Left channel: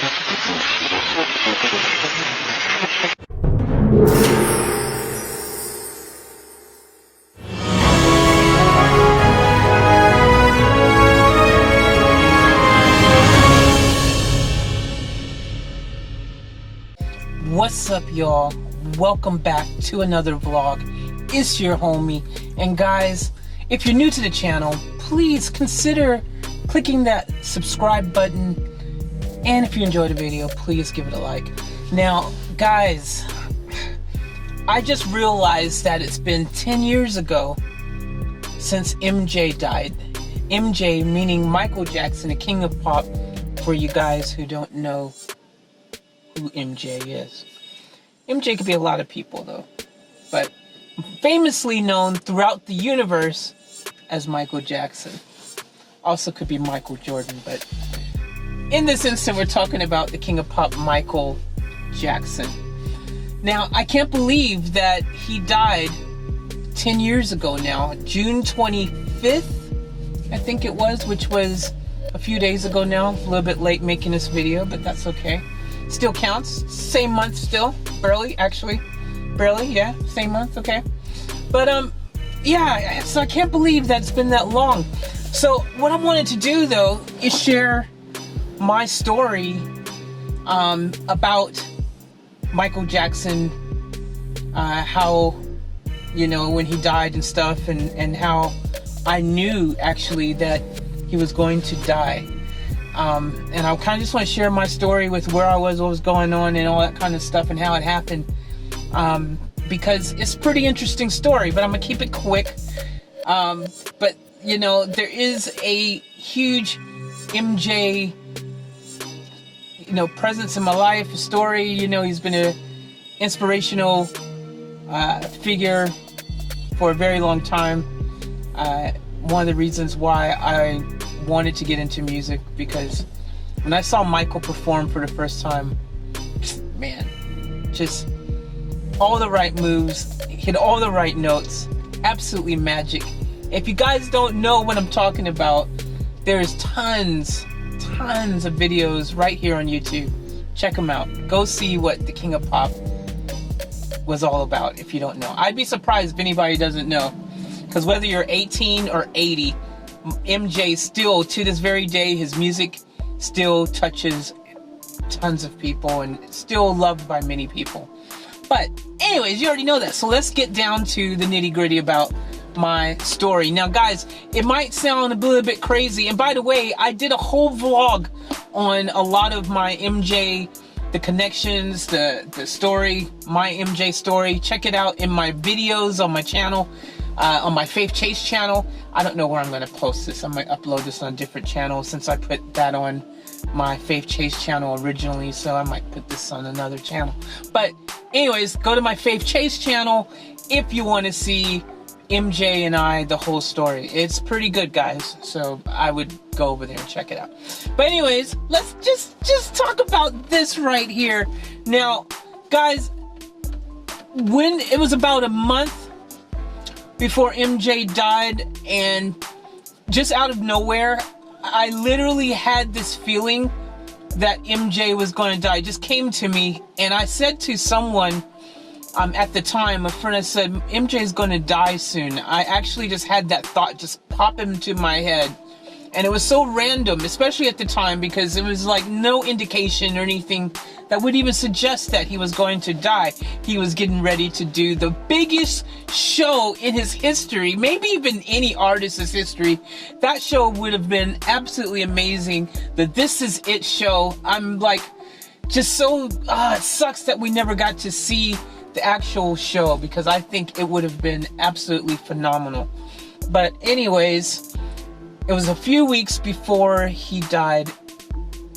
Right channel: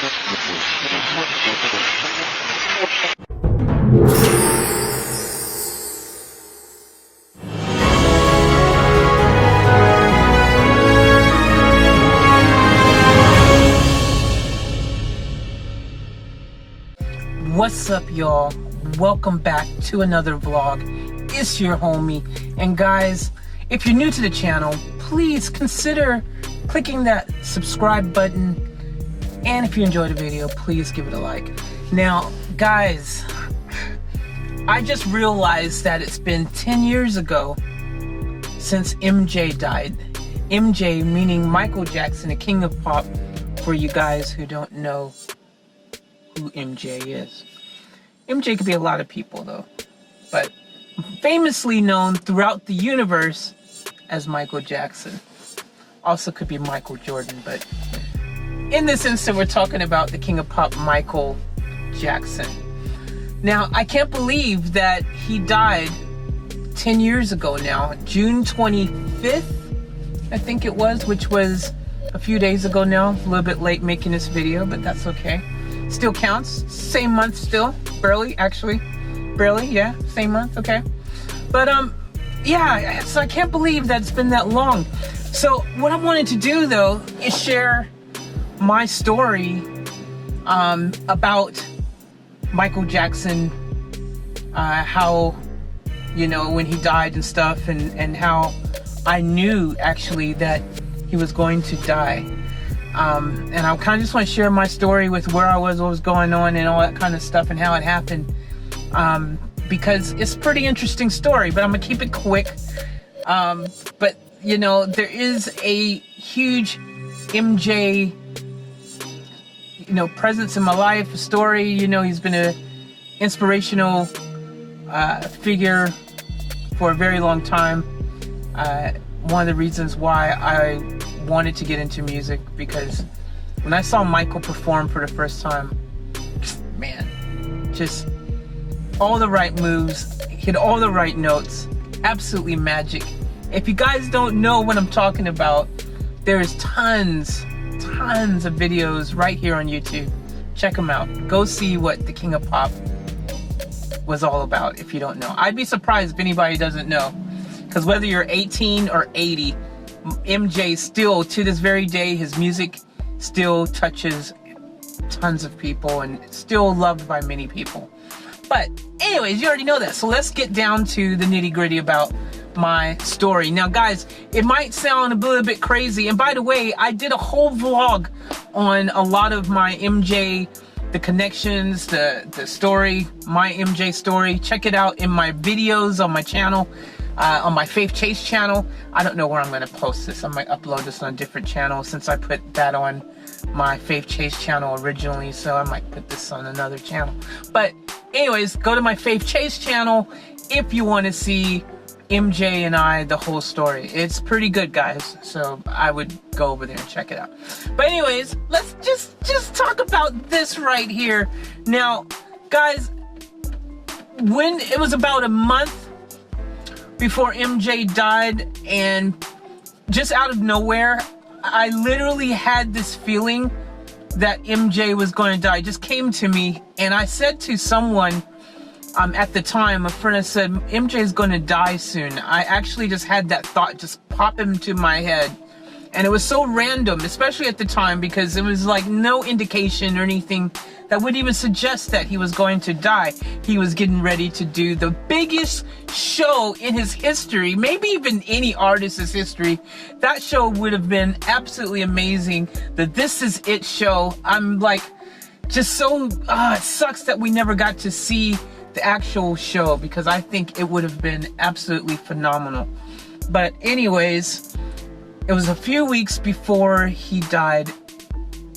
What's up, y'all? Welcome back to another vlog. It's your homie. And guys, if you're new to the channel, please consider clicking that subscribe button. And if you enjoyed the video, please give it a like. Now, guys, I just realized that it's been 10 years ago since MJ died. MJ meaning Michael Jackson, the king of pop, for you guys who don't know who MJ is. MJ could be a lot of people though, but famously known throughout the universe as Michael Jackson. Also could be Michael Jordan, but in this instance we're talking about the king of pop, Michael Jackson. Now, I can't believe that he died 10 years ago now. June 25th, I think it was, which was a few days ago now. A little bit late making this video, but that's okay. Still counts. Same month still. Barely, actually. Barely, yeah. Same month, okay. But, yeah, so I can't believe that it's been that long. So, what I wanted to do, though, is share my story about Michael Jackson, how, you know, when he died and stuff, and how I knew, actually, that he was going to die. And I kind of just want to share my story with where I was, what was going on, and all that kind of stuff, and how it happened. Because it's a pretty interesting story, but I'm going to keep it quick. But, you know, there is a huge MJ, you know, presence in my life, a story. You know, he's been an inspirational figure for a very long time. One of the reasons why I wanted to get into music, because when I saw Michael perform for the first time, man, just all the right moves, hit all the right notes, absolutely magic. If you guys don't know what I'm talking about, there's tons of videos right here on YouTube. Check them out. Go see what the King of Pop was all about if you don't know. I'd be surprised if anybody doesn't know, because whether you're 18 or 80, MJ still, to this very day, his music still touches tons of people and still loved by many people. But anyways, you already know that. So let's get down to the nitty gritty about my story. Now guys, it might sound a little bit crazy. And by the way, I did a whole vlog on a lot of my MJ, the connections, the story, my MJ story. Check it out in my videos on my channel. On my Faith Chase channel. I don't know where I'm going to post this. I might upload this on a different channel since I put that on my Faith Chase channel originally, so I might put this on another channel. But anyways, go to my Faith Chase channel if you want to see MJ and I, the whole story. It's pretty good, guys, so I would go over there and check it out. But anyways, let's just talk about this right here. Now, guys, when it was about a month before MJ died, and just out of nowhere, I literally had this feeling that MJ was going to die. It just came to me, and I said to someone at the time, a friend, I said, MJ is going to die soon. I actually just had that thought just pop into my head. And it was so random, especially at the time, because it was like no indication or anything that would even suggest that he was going to die. He was getting ready to do the biggest show in his history, maybe even any artist's history. That show would have been absolutely amazing. The This Is It show. I'm like, just so, it sucks that we never got to see the actual show, because I think it would have been absolutely phenomenal. But anyways, it was a few weeks before he died.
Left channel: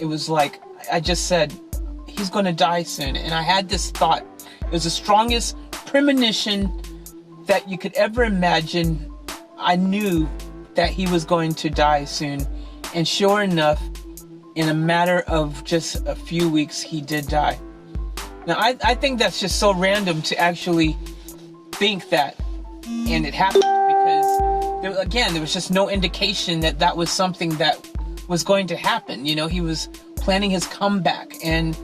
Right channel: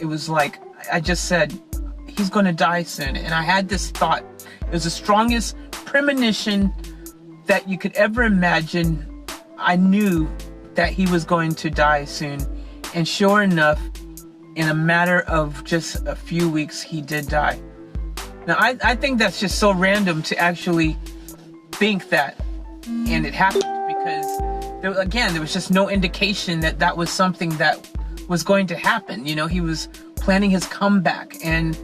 It was like, I just said, he's going to die soon. And I had this thought. It was the strongest premonition that you could ever imagine. I knew that he was going to die soon. And sure enough, in a matter of just a few weeks, he did die. Now, I think that's just so random to actually think that. And it happened because, there was just no indication that that was something that was going to happen. You know, he was planning his comeback. And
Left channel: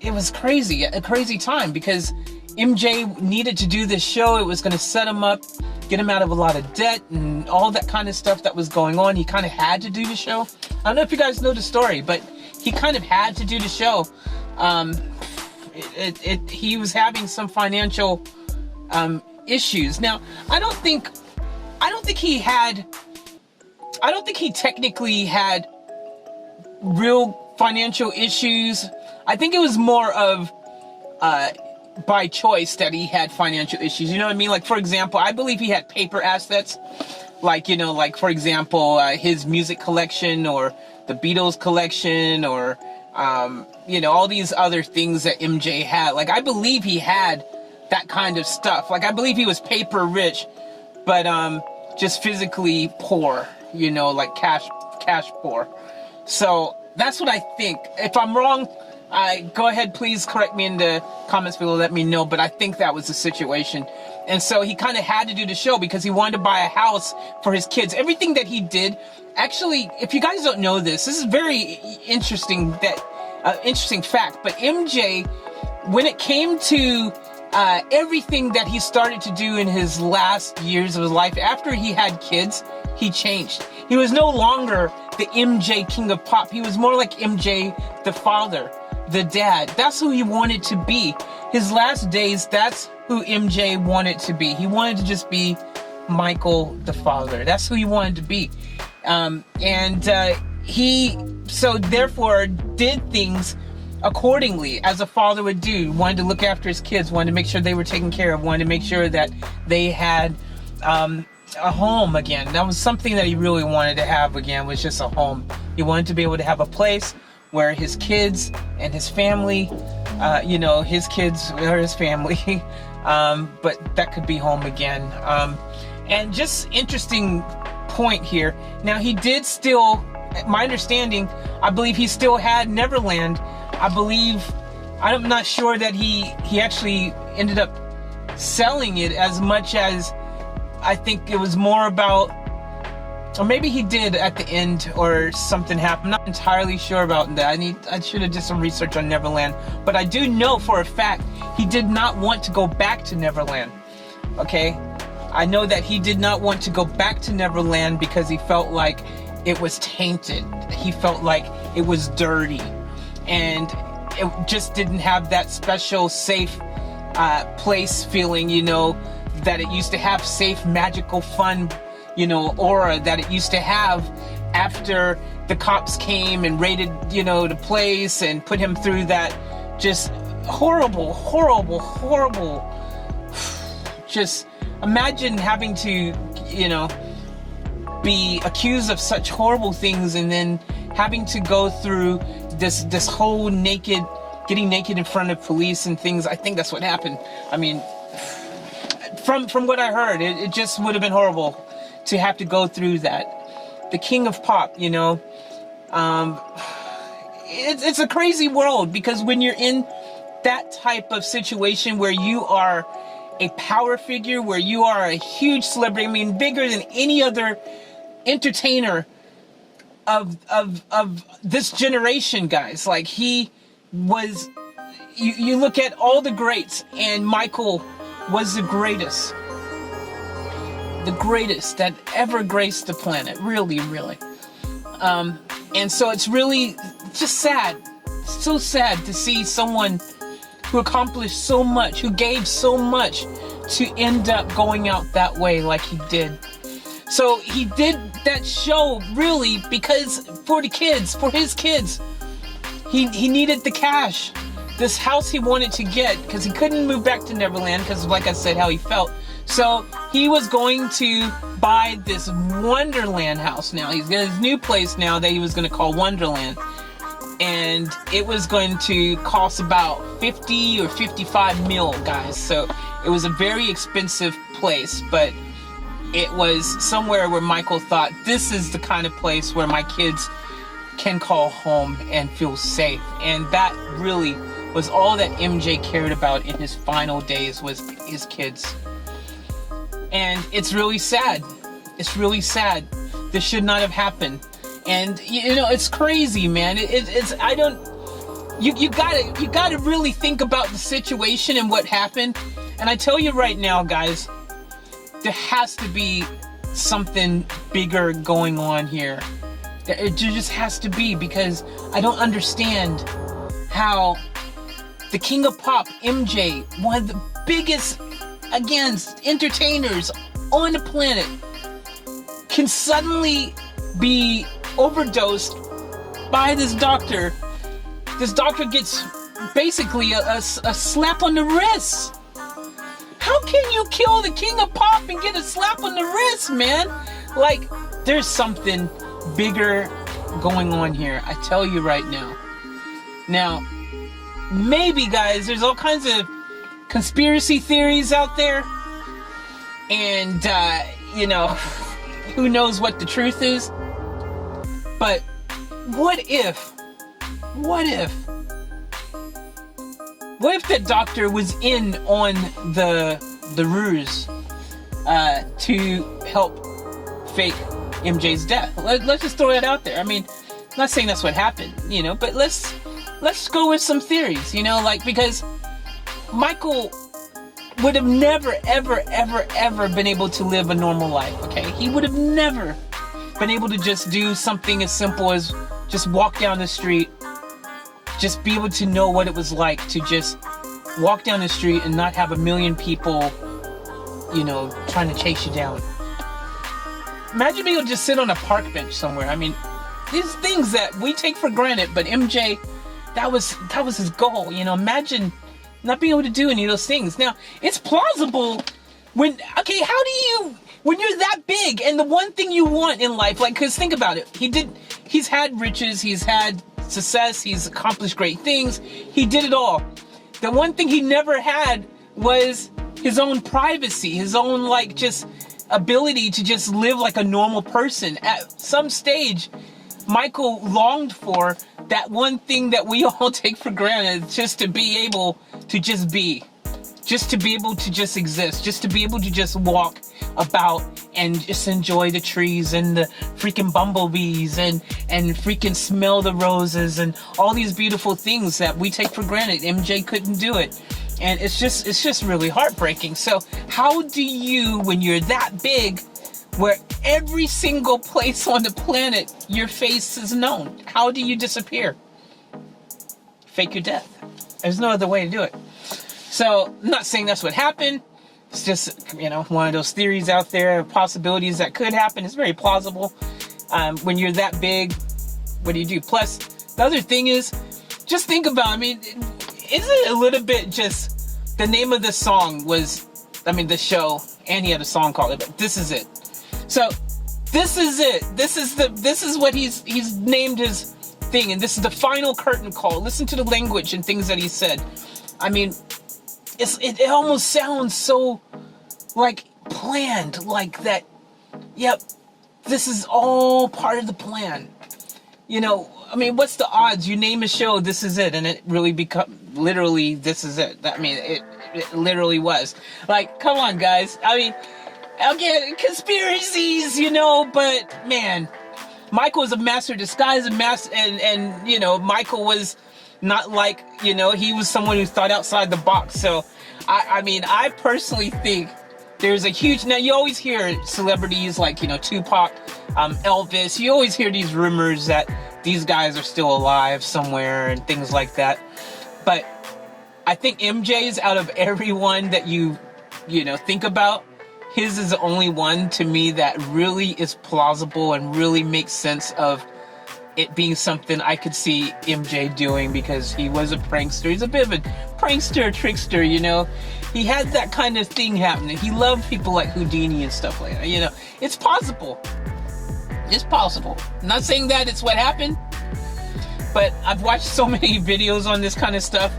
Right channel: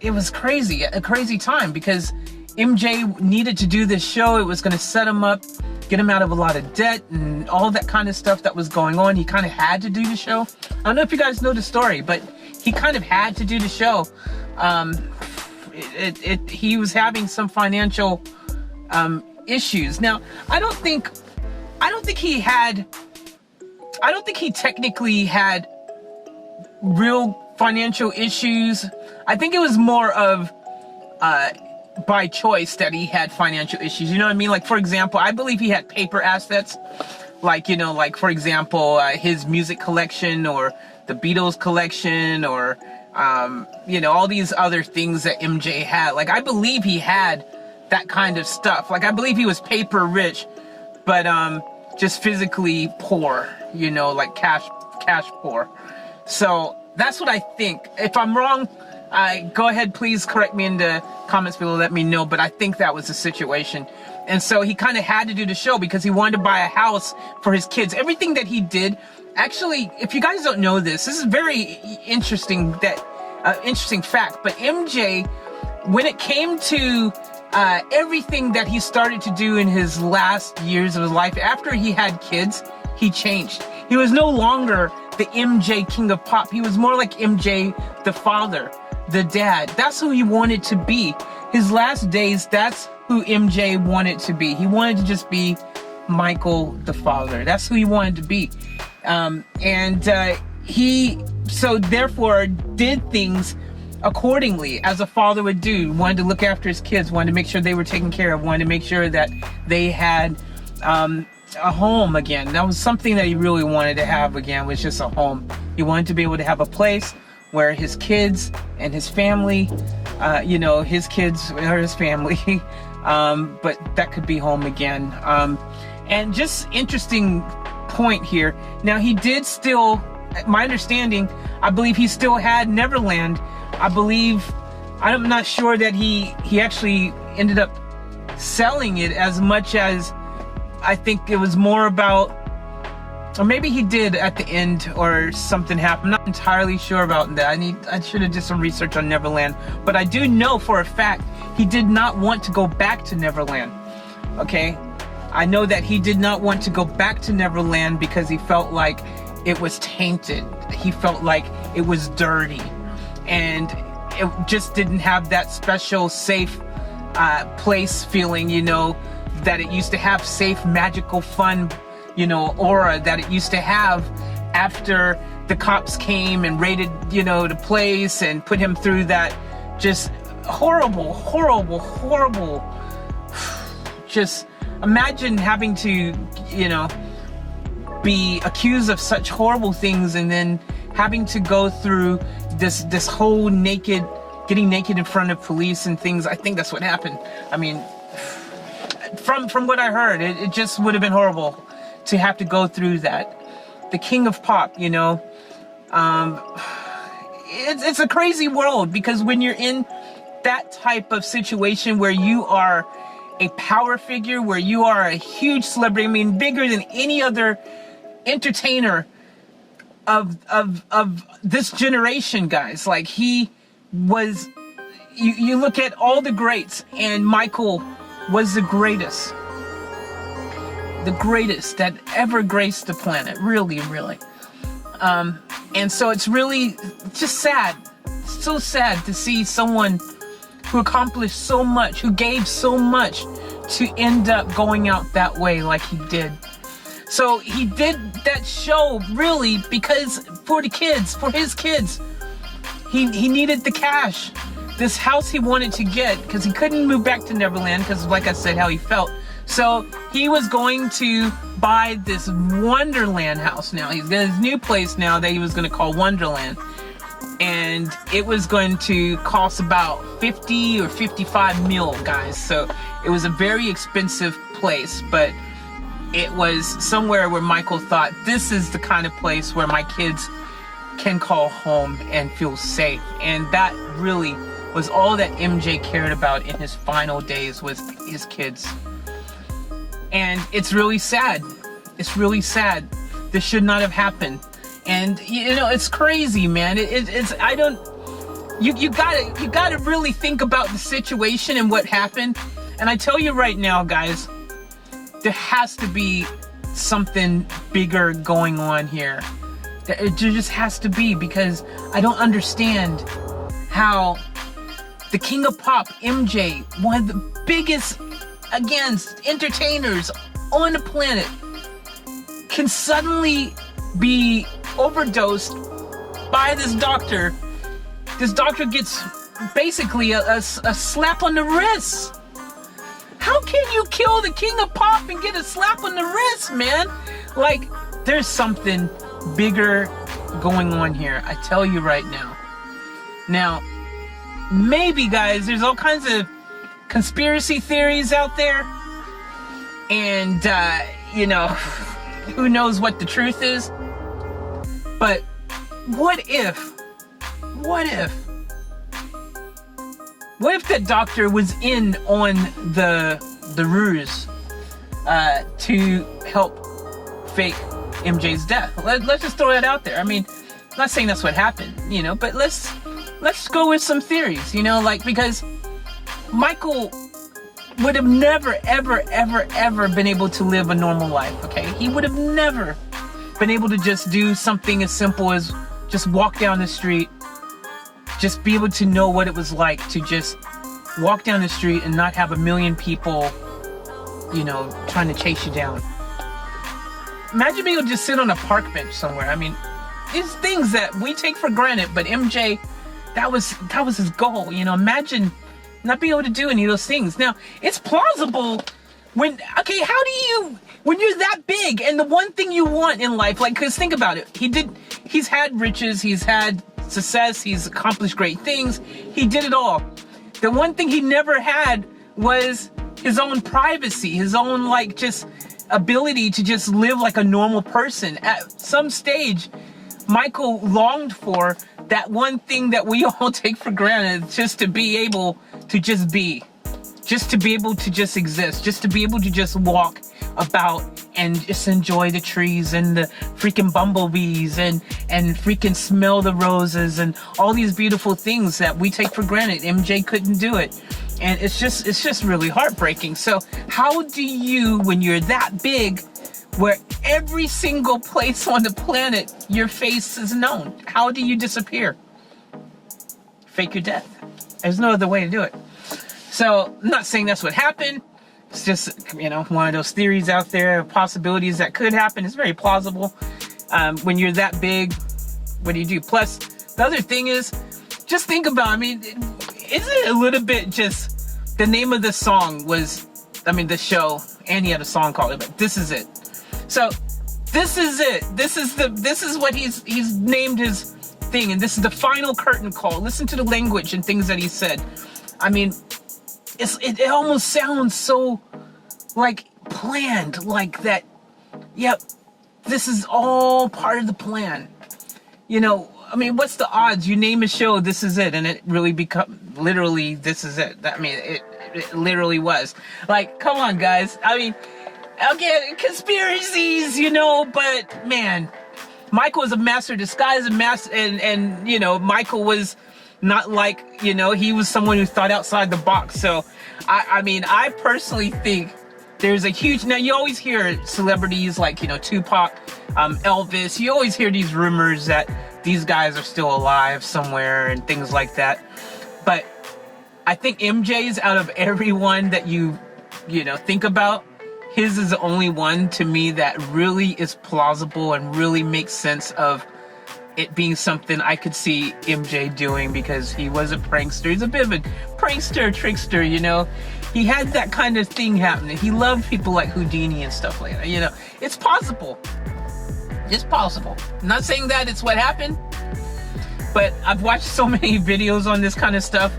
it was crazy, a crazy time, because MJ needed to do this show. It was going to set him up, get him out of a lot of debt and all that kind of stuff that was going on. He kind of had to do the show. I don't know if you guys know the story, but he kind of had to do the show. He was having some financial issues. Now, I don't think he technically had real financial issues. I think it was more of by choice that he had financial issues. You know what I mean? Like, for example, I believe he had paper assets. Like, you know, like, for example, his music collection, or the Beatles collection, or, you know, all these other things that MJ had. Like, I believe he had that kind of stuff. Like, I believe he was paper rich, but just physically poor, you know, like cash poor. So that's what I think. If I'm wrong, go ahead, please correct me in the comments below, let me know, but I think that was the situation. And so he kind of had to do the show because he wanted to buy a house for his kids. Everything that he did, actually, if you guys don't know this is very interesting, interesting fact, but MJ, when it came to everything that he started to do in his last years of his life, after he had kids, he changed. He was no longer the MJ King of Pop. He was more like MJ the father, the dad. That's who he wanted to be. His last days, that's who MJ wanted to be. He wanted to just be Michael the father. That's who he wanted to be. He so therefore did things accordingly, as a father would do. Wanted to look after his kids, wanted to make sure they were taken care of, wanted to make sure that they had a home again. That was something that he really wanted to have again, was just a home. He wanted to be able to have a place where his kids and his family, you know, his kids or his family, but that could be home again. And just interesting point here. Now, he did still, my understanding, I believe he still had Neverland. I believe, I'm not sure that he actually ended up selling it as much as, I think it was more about, or maybe he did at the end, or something happened. I'm not entirely sure about that. I should have did some research on Neverland, but I do know for a fact he did not want to go back to Neverland. Okay, I know that he did not want to go back to Neverland because he felt like it was tainted. He felt like it was dirty, and it just didn't have that special safe place feeling, you know, that it used to have, safe, magical, fun, you know, aura that it used to have after the cops came and raided, you know, the place and put him through that just horrible, just imagine having to, you know, be accused of such horrible things and then having to go through this whole getting naked in front of police and things. I think that's what happened. I mean, from what I heard, it just would have been horrible to have to go through that. The King of Pop, you know, it's a crazy world, because when you're in that type of situation where you are a power figure, where you are a huge celebrity, I mean, bigger than any other entertainer of this generation, guys. Like, he was, you look at all the greats, and Michael was the greatest that ever graced the planet, really. And so it's really just sad, so sad to see someone who accomplished so much, who gave so much, to end up going out that way like he did. So he did that show really because for the kids, for his kids, he needed the cash. This house he wanted to get, because he couldn't move back to Neverland because, like I said, how he felt. So he was going to buy this Wonderland house now. He's got his new place now that he was going to call Wonderland. And it was going to cost about 50 or 55 mil, guys. So it was a very expensive place, but it was somewhere where Michael thought, this is the kind of place where my kids can call home and feel safe. And that really was all that MJ cared about in his final days, was his kids. And it's really sad. It's really sad. This should not have happened. And you know, it's crazy, man. It's I don't. You gotta really think about the situation and what happened. And I tell you right now, guys, there has to be something bigger going on here. It just has to be, because I don't understand how the King of Pop, MJ, one of the biggest, again, entertainers on the planet, can suddenly be overdosed by this doctor. This doctor gets basically a slap on the wrist. How can you kill the King of Pop and get a slap on the wrist, man? Like, there's something bigger going on here. I tell you right now. Now, maybe, guys, there's all kinds of conspiracy theories out there. And, you know, who knows what the truth is. But what if the doctor was in on the ruse to help fake MJ's death? Let's just throw that out there. I mean, I'm not saying that's what happened, you know, but let's go with some theories, you know, like, because Michael would have never, ever been able to live a normal life, okay? He would have never been able to just do something as simple as just walk down the street, just be able to know what it was like to just walk down the street and not have a million people, you know, trying to chase you down. Imagine being able to just sit on a park bench somewhere. I mean, these things that we take for granted, but MJ, that was his goal, you know. Imagine not being able to do any of those things. Now, it's plausible when you're that big and the one thing you want in life, like, because think about it, he's had riches, he's had success, he's accomplished great things, he did it all. The one thing he never had was his own privacy, his own, like, just ability to just live like a normal person. At some stage, Michael longed for that one thing that we all take for granted, just to be able to just be. Just to be able to just exist. Just to be able to just walk about and just enjoy the trees and the freaking bumblebees and freaking smell the roses and all these beautiful things that we take for granted. MJ couldn't do it. And it's just really heartbreaking. So how do you, when you're that big, where every single place on the planet your face is known, how do you disappear? Fake your death. There's no other way to do it. So I'm not saying that's what happened. It's just, you know, one of those theories out there, possibilities that could happen. It's very plausible. When you're that big, what do you do? Plus, the other thing is, just think about, I mean, isn't it a little bit just, the name of the song was, I mean, the show, and he had a song called it, but This Is It. So, this is it. This is what he's named his thing, and this is the final curtain call. Listen to the language and things that he said. I mean, it almost sounds so, like, planned, like that, yep, this is all part of the plan. You know, I mean, what's the odds? You name a show, This Is It, and it really literally, this is it. I mean, it literally was. Like, come on, guys. I mean, again, conspiracies, you know, but, man, Michael was a master of disguise, and you know, Michael was not like, you know, he was someone who thought outside the box. So, I mean, I personally think there's a huge, now you always hear celebrities like, you know, Tupac, Elvis, you always hear these rumors that these guys are still alive somewhere and things like that. But I think MJ's, out of everyone that you know, think about, his is the only one to me that really is plausible and really makes sense of it being something I could see MJ doing, because he was a prankster. He's a bit of a prankster, trickster, you know. He had that kind of thing happening. He loved people like Houdini and stuff like that, you know. It's possible. It's possible. I'm not saying that it's what happened, but I've watched so many videos on this kind of stuff,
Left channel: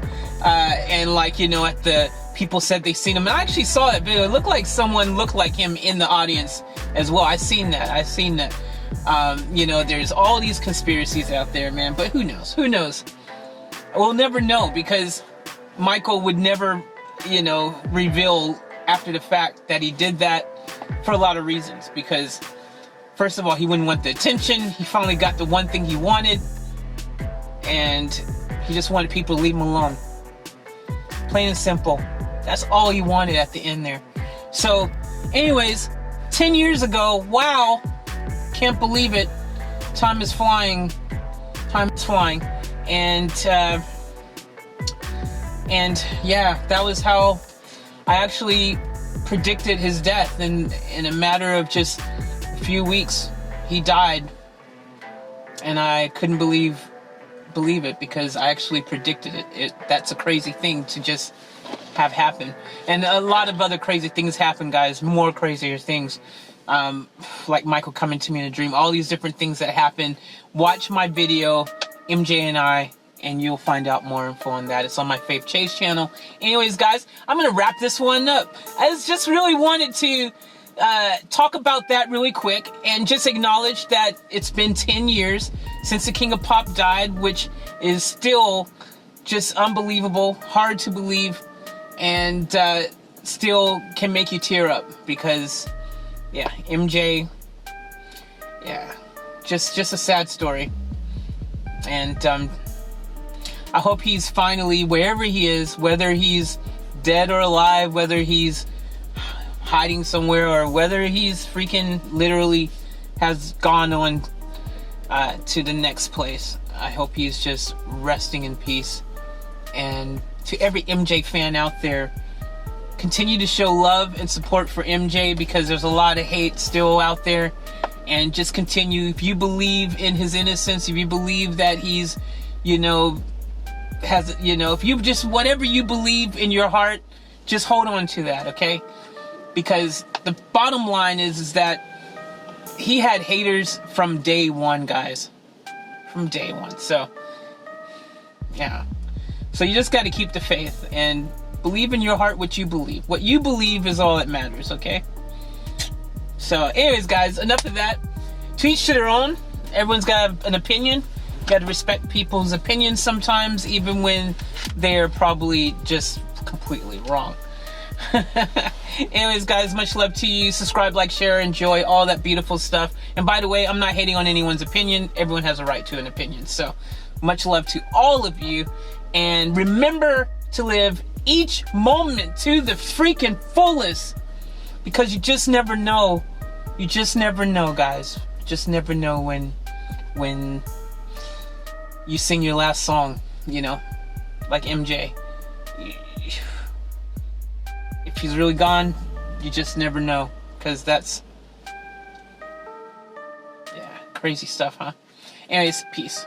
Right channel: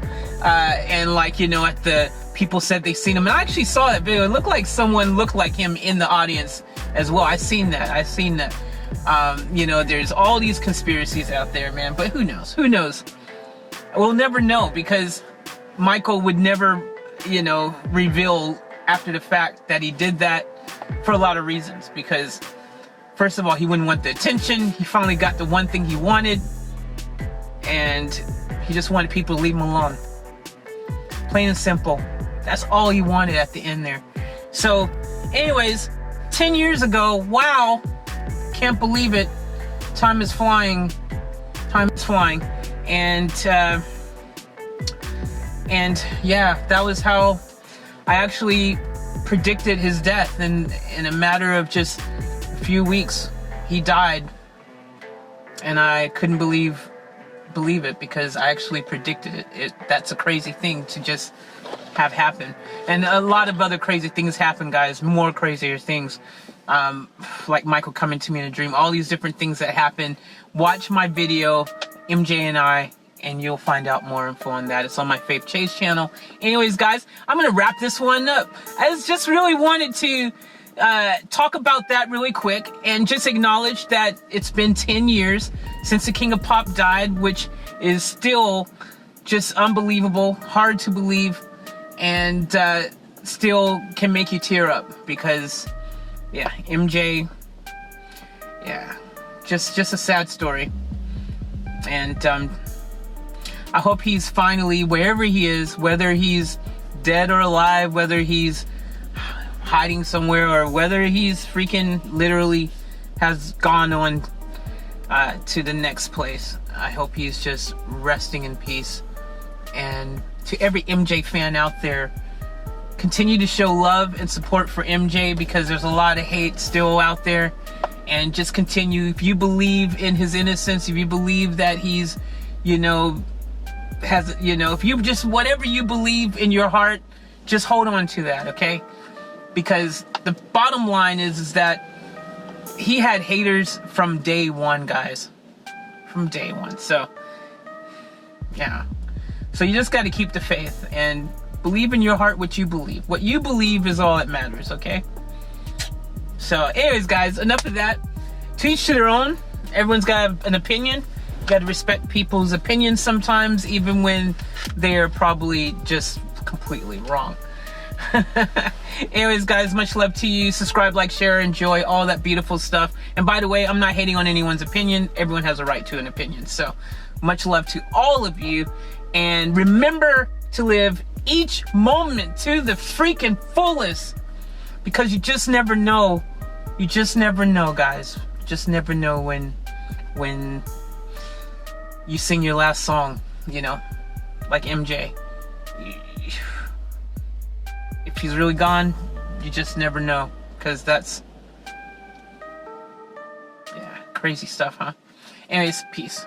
and, like, you know, at the people said they seen him, and I actually saw that video. It looked like someone looked like him in the audience as well. I've seen that. You know, there's all these conspiracies out there, man, but who knows? We'll never know, because Michael would never, you know, reveal after the fact that he did that, for a lot of reasons. Because First of all, he wouldn't want the attention. He finally got the one thing he wanted, and he just wanted people to leave him alone. Plain and simple. That's all he wanted at the end there. So, anyways, 10 years ago, wow, can't believe it. Time is flying. Time is flying. And yeah, that was how I actually predicted his death. And in a matter of just a few weeks, he died. And I couldn't believe it, because I actually predicted it. That's a crazy thing to just have happen. And a lot of other crazy things happen, guys. More crazier things. Like Michael coming to me in a dream. All these different things that happen. Watch my video, MJ and I, and you'll find out more info on that. It's on my Faith Chase channel. Anyways, guys, I'm going to wrap this one up. I just really wanted to talk about that really quick and just acknowledge that it's been 10 years since the King of Pop died, which is still just unbelievable, hard to believe, and still can make you tear up, because yeah, MJ, yeah, just a sad story. And I hope he's finally, wherever he is, whether he's dead or alive, whether he's hiding somewhere, or whether he's freaking literally has gone on to the next place, I hope he's just resting in peace. And to every MJ fan out there, continue to show love and support for MJ, because there's a lot of hate still out there. And just continue. If you believe in his innocence, if you believe that he's, you know, has, you know, if you just, whatever you believe in your heart, just hold on to that, okay? Because the bottom line is that he had haters from day one, guys. From day one. So, yeah. So you just got to keep the faith and believe in your heart what you believe. What you believe is all that matters, okay? So, anyways, guys, enough of that. To each to their own. Everyone's got an opinion. You got to respect people's opinions sometimes, even when they're probably just completely wrong. Anyways, guys, much love to you. Subscribe, like, share, enjoy, all that beautiful stuff. And by the way, I'm not hating on anyone's opinion. Everyone has a right to an opinion. So, much love to all of you. And remember to live each moment to the freaking fullest. Because you just never know. You just never know, guys. You just never know when you sing your last song, you know, like MJ. If he's really gone, you just never know. Because that's, yeah, crazy stuff, huh? Anyways, peace.